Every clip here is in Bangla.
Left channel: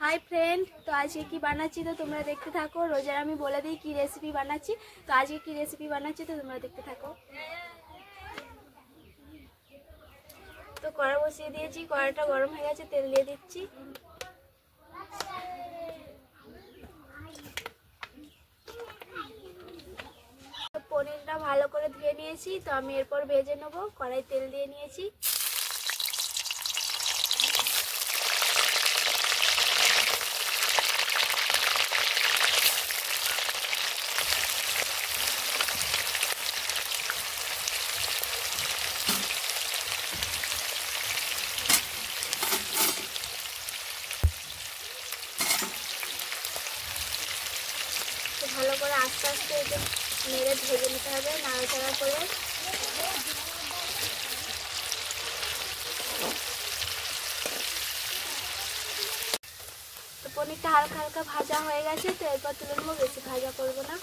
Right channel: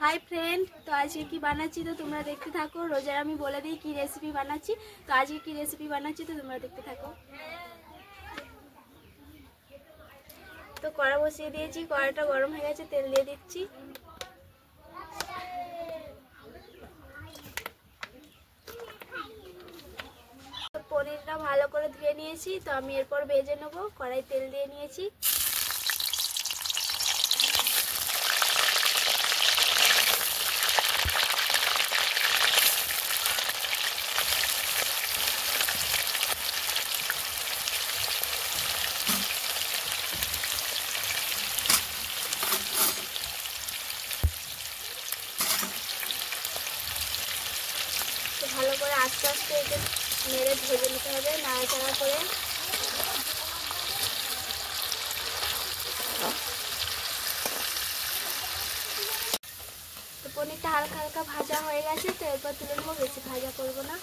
हाय फ्रेंड, तो आज की बानाচ্ছি तो তোমরা দেখতে থাকো। রোজার আমি বলে দিই কি রেসিপি বানাচ্ছি। তো আজকে কি রেসিপি বানাচ্ছি তো তোমরা দেখতে থাকো। তো কড়া বসিয়ে দিয়েছি, কড়াটা গরম হয়ে গেছে, তেল দিয়ে দিচ্ছি। তো পনিরটা ভালো করে ধুয়ে নিয়েছি, তো আমি এরপর ভেজে নেব। কড়াই তেল দিয়ে নিয়েছি। তো ভালো করে আস্তে আস্তে একে নেড়ে ভেজে নিতে হবে, নাড়াচাড়া করে। তো পনিরটা হালকা হালকা ভাজা হয়ে গেছে, তো এরপর তুলে নেবো, বেশি ভাজা করব না।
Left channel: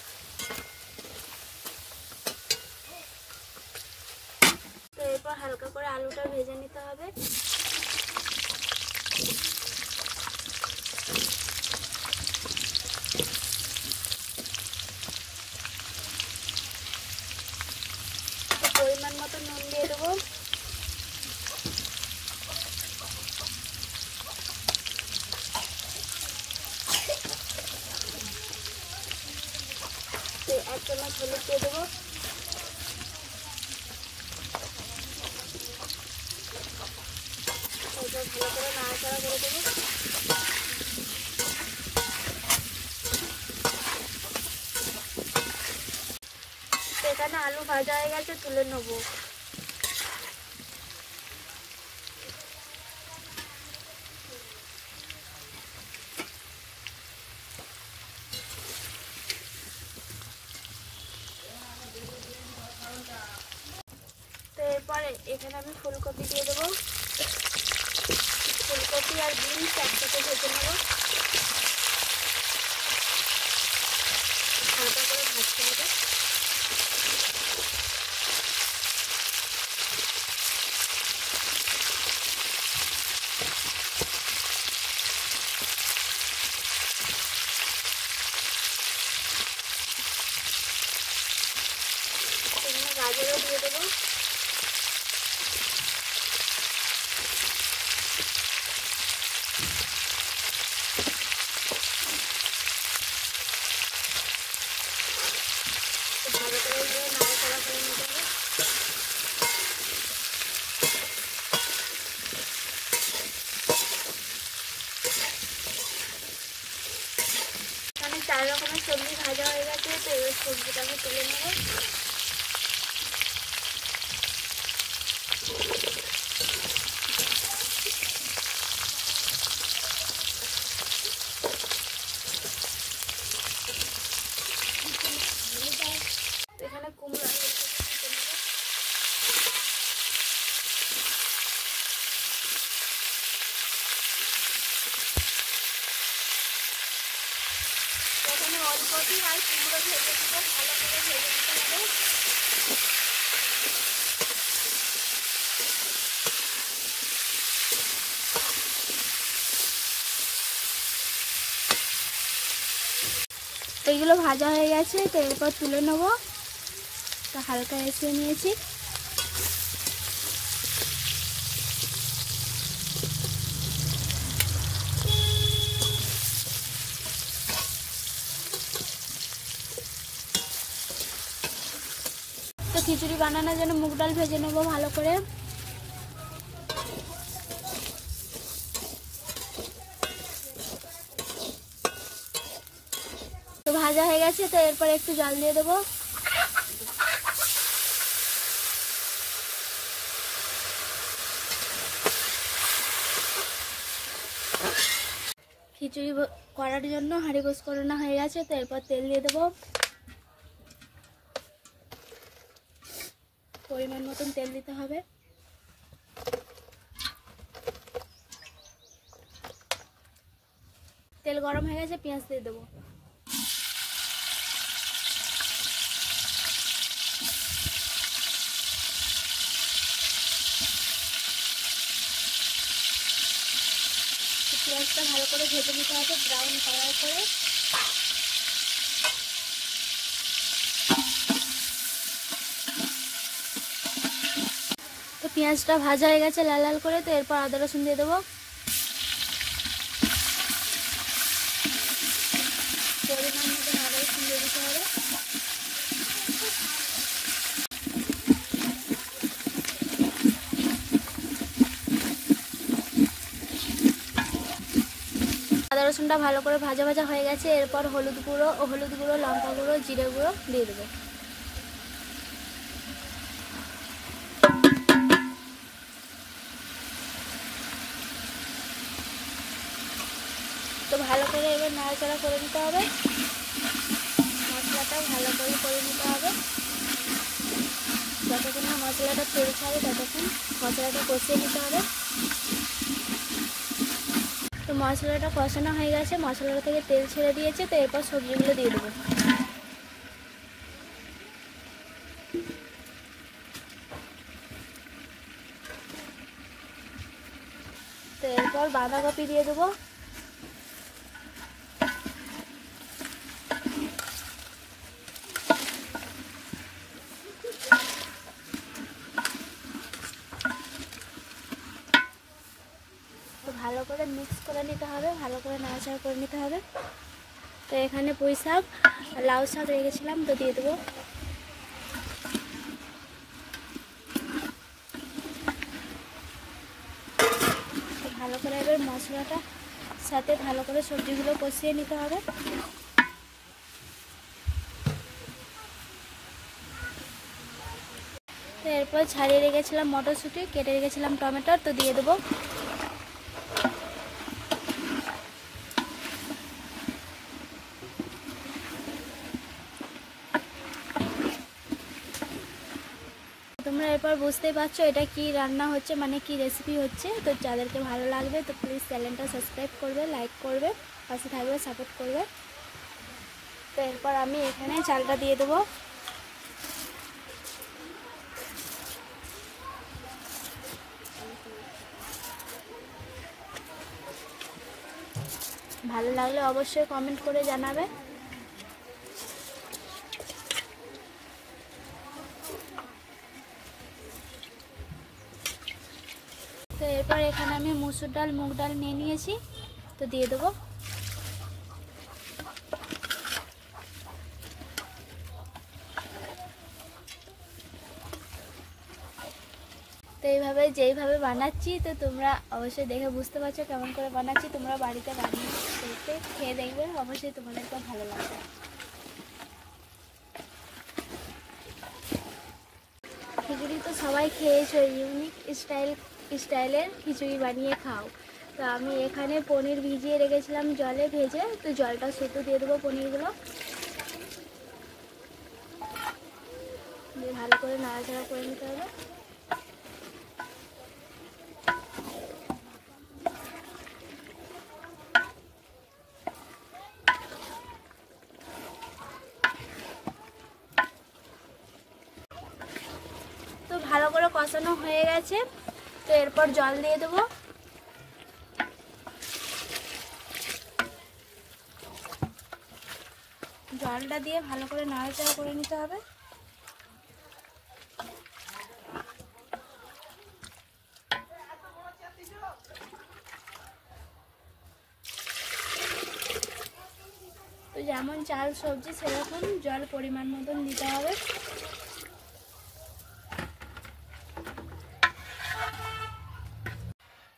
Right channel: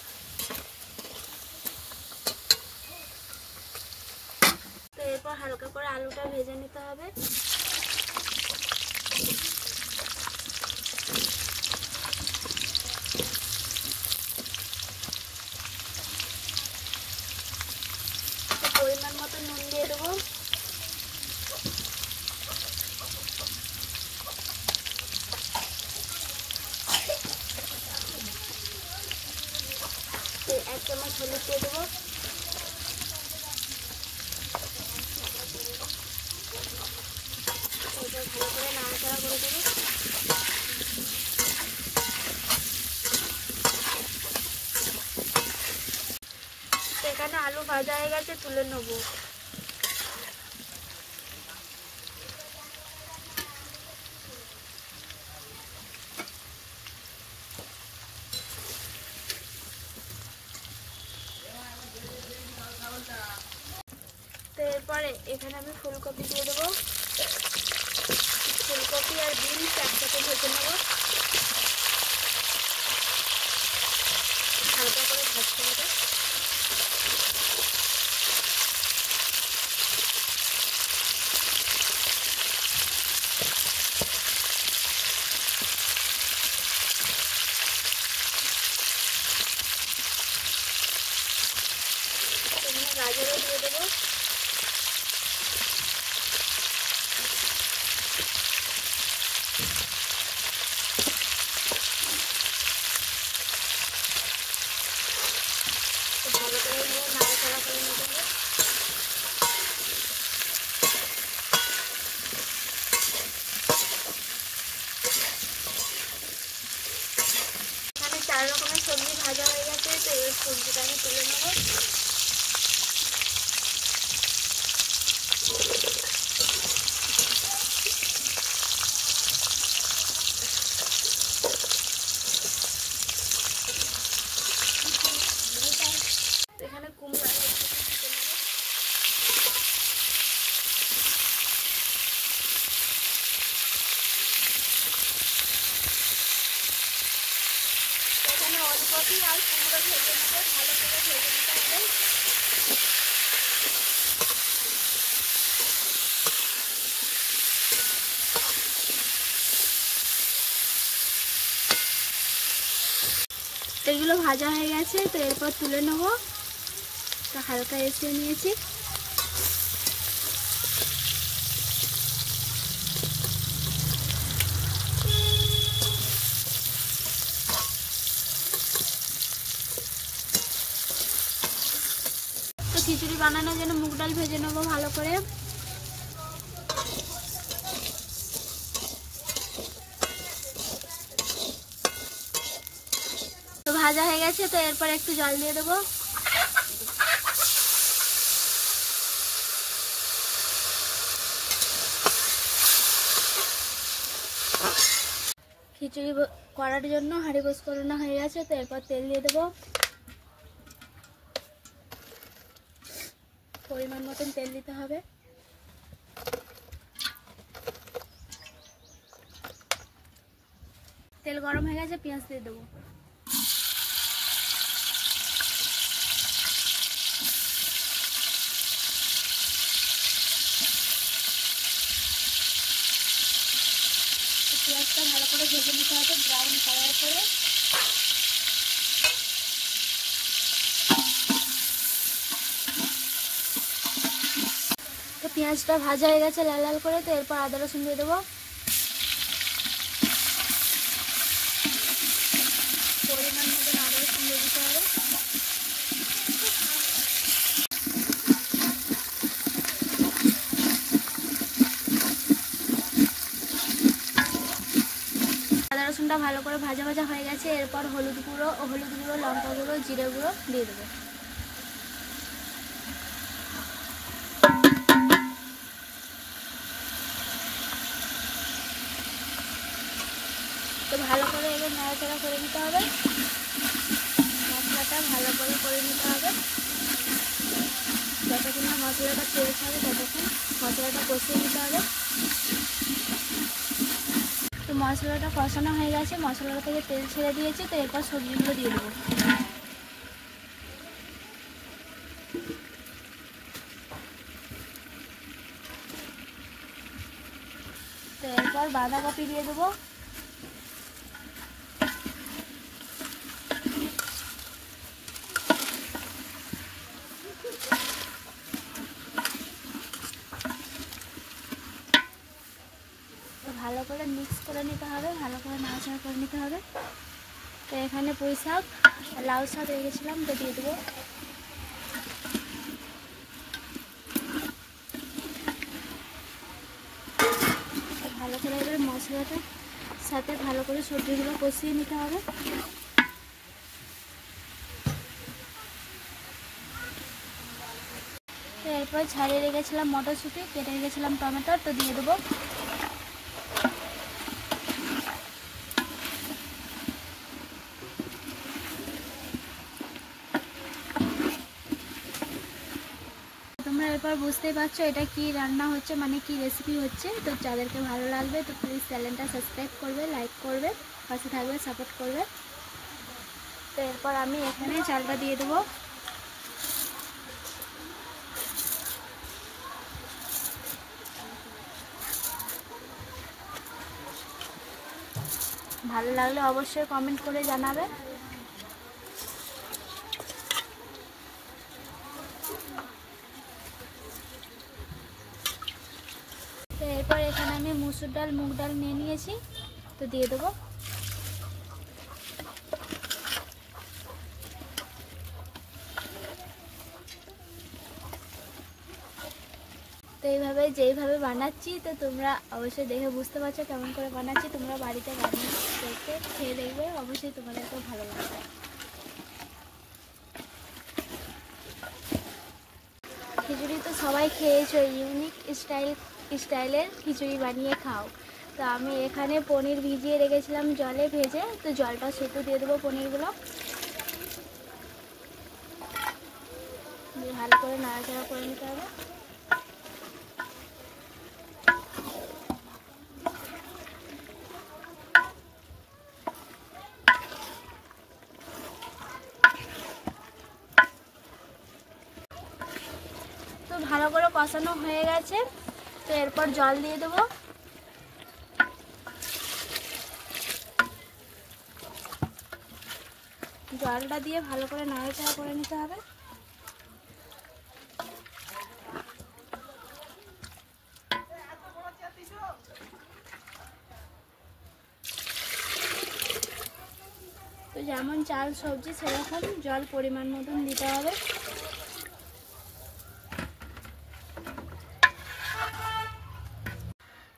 তো এরপর হালকা করে আলুটা ভেজে নিতে হবে। পরিমাণ মতো নুন দিয়ে দেবো। এক চামচ হলুদ দিয়ে দেবো। ভালো করে নাড়াচাড়া করে দেবো। এখানে আলু ভাজা হয়ে গেছে, তুলে নেবো। তো এরপরে এখানে আমি ফুলকপি দিয়ে দেবো। ফুলকপি আর বিনস একসাথে ভেজে নেবো। হালকা করে ভাজতে হবে। এখানে গাজরও দিয়ে দেবো। ভালো করে নিয়ে নাড়াচাড়া করে নিতে হবে। এখানে 4 রকমের সবজি ভাজা হয়ে গেছে, তো এবার সবজিটা আমি তুলে নেব। এখানে কুমড়া এখানে ওলকপি আর কুমড়ো ভেজে নেব, ভালো করে ভেজে নিতে হবে। এগুলো ভাজা হয়ে গেছে, তো এরপর তুলে নেব। তো হালকা এসে নিয়েছি। তো খিচুড়ি বানানোর জন্য মুগ ডাল ভেজে নেবো ভালো করে। তো ভাজা হয়ে গেছে, তো এরপর একটু জল দিয়ে দেবো। খিচুড়ি করার জন্য হাঁড়ি গোস করানো হয়ে গেছে, তো এরপর তেল দিয়ে দেবো। পরিমাণ মতন তেল দিতে হবে। তেল গরম হয়ে গেছে, পেঁয়াজ দিয়ে দেবো। পেঁয়াজটা ভালো করে ভেজে নিতে হবে ব্রাউন কালার করে। তো পেঁয়াজটা ভাজা হয়ে গেছে লাল লাল করে, তো এরপর আদা রসুন দিয়ে দেবো। পরিমাণ মতো আদা রসুন দিয়ে দিতে হবে। আদা রসুনটা ভালো করে ভাজা ভাজা হয়ে গেছে, এরপর হলুদ গুঁড়ো, লঙ্কা গুঁড়ো, জিরে গুঁড়ো দিয়ে দেবো। তো ভালো করে এবার নাড়াচাড়া করে নিতে হবে, মশলাটা ভালো করে নিতে হবে। যতক্ষণ না মশলাটা তেল ছাড়ে ততক্ষণ মশলাটা কষিয়ে নিতে হবে। তো মশলাটা কষানো হয়ে গেছে, মশলাটা থেকে তেল ছেড়ে দিয়েছে, তো এরপর সবজিগুলো দিয়ে দেবো। তো এরপর বাঁধাকপি দিয়ে দেবো। ভালো করে মিক্স করে নিতে হবে, ভালো করে নাড়াচাড়া করে নিতে হবে। তো এখানে পুঁই শাক, লাউ শাক রেখেছিলাম, তো দিয়ে দেবো। ভালো করে এবার মশলাটা সাথে ভালো করে সবজিগুলো কষিয়ে নিতে হবে। তো এরপর ছাড়িয়ে রেখেছিলাম মটরশুঁটি, কেটে রেখেছিলাম টমেটো, তো দিয়ে দেবো। তোমরা এরপর বুঝতেই পারছো এটা কি রান্না হচ্ছে, মানে কি রেসিপি হচ্ছে। তো যাদেরকে ভালো লাগবে তো প্লিজ চ্যানেলটা সাবস্ক্রাইব করবে, লাইক করবে, পাশে থাকবে, সাপোর্ট করবে। তো এরপর আমি এখানে চালটা দিয়ে দেবো। ভালো লাগলে অবশ্যই কমেন্ট করে জানাবে। তো এরপর এখানে আমি মুসুর ডাল, মুগ ডাল নিয়ে নিয়েছি, তো দিয়ে দেবো। তো এইভাবে যেইভাবে বানাচ্ছি তো তোমরা অবশ্যই দেখে বুঝতে পারছো কেমন করে বানাচ্ছি। তোমরা বাড়িতে বানিয়ে দেখে খেয়ে দেখবে, অবশ্যই তোমাদেরকে ভালো লাগবে। খিচুড়ি তো সবাই খেয়েছো, ইউনিক স্টাইলের খিচুড়ি বানিয়ে খাও। তো আমি এখানে পনির ভিজিয়ে রেখেছিলাম জলে ভেজে, তো জলটা সেদ্ধ দিয়ে দেবো পনিরগুলো। দিয়ে ভালো করে নাড়াচাড়া করে নিতে হবে। ভালো করে কষানো হয়ে গেছে, তো এরপর জল দিয়ে দেবো। জলটা দিয়ে ভালো করে নাড়াচাড়া করে নিতে হবে। তো যেমন চাল সবজি সেরকম জল পরিমাণ মতন দিতে হবে।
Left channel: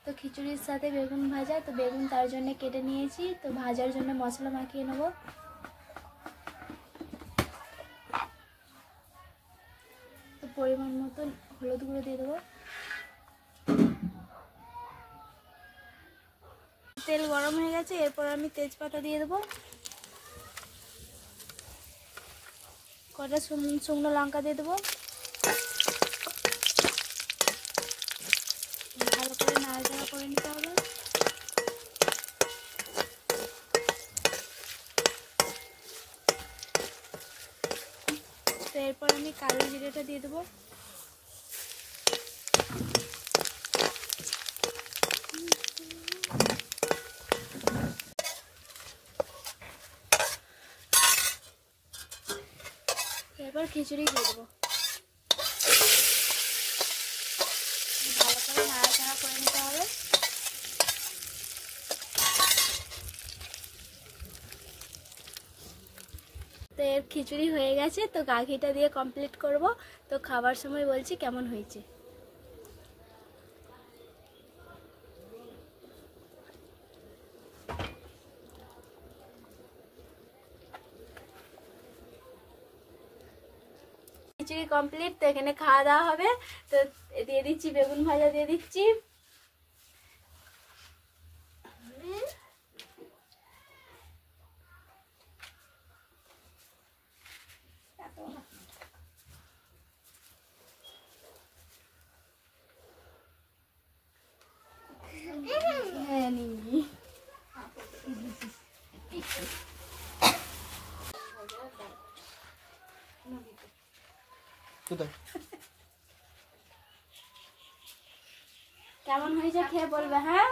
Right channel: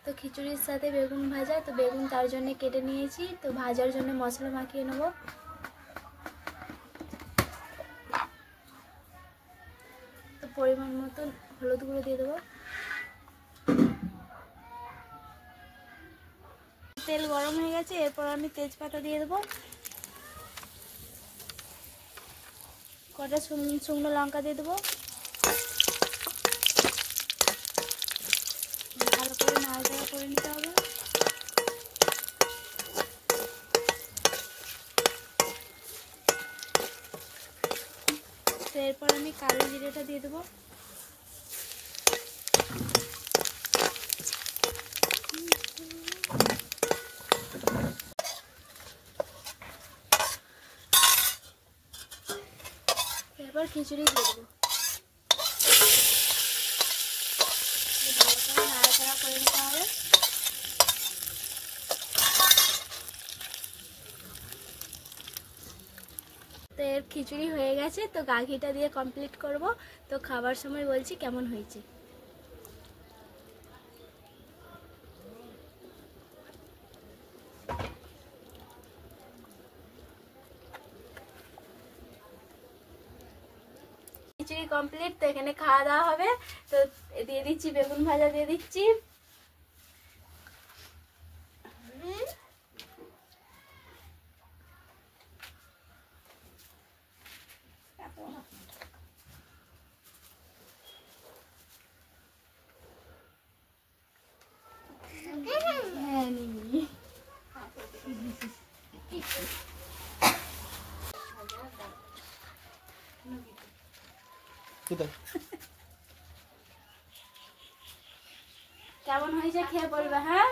তো খিচুড়ির সাথে বেগুন ভাজা, তো বেগুন তার জন্য কেটে নিয়েছি, তো ভাজার জন্য মশলা মাখিয়ে নেব। তো পরিমাণ মতন হলুদ গুঁড়ো দিয়ে দেবো। তেল গরম হয়ে গেছে, এরপর আমি তেজপাতা দিয়ে দেবো, কটা শুকনো লঙ্কা দিয়ে দেবো। ভালো করে নাড়াচাড়া করে নিতে হবে। তো এরপর আমি কালো জিরেটা দিয়ে দেবো। এরপর খিচুড়ি দিয়ে দেবো। ভালো করে নাড়াচাড়া করে নিতে হবে। তো এর খিচুড়ি হয়ে গেছে, তো গাঘিটা দিয়ে কমপ্লিট করব। তো খাবার সময় বলছি কেমন হয়েছে। খিচুড়ি কমপ্লিট, তো এখানে খাওয়া দাওয়া হবে। তো দিয়ে দিচ্ছি বেগুন ভাজা, দিয়ে দিচ্ছি কেমন হয়েছে খেয়ে বলবে। হ্যাঁ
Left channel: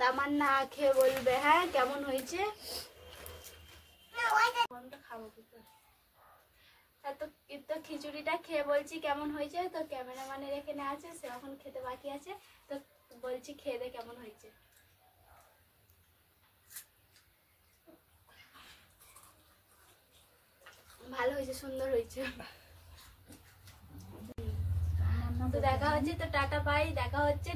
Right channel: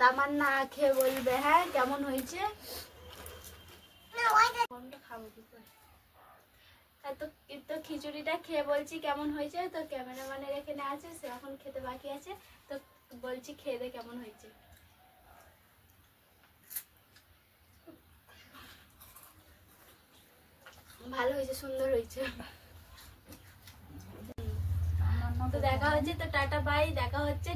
তামান্না খেয়ে বলবে হ্যাঁ কেমন হয়েছে। তো খিচুড়িটা খেয়ে বলছি কেমন হয়েছে। তো ক্যামেরাম্যানের এখানে আছে, সে এখন খেতে বাকি আছে। তো বলছি খেয়ে দে কেমন হয়েছে। ভালো হয়েছে, সুন্দর হয়েছে। তো দেখা হচ্ছে, তো টাটা বাই, দেখা হচ্ছে।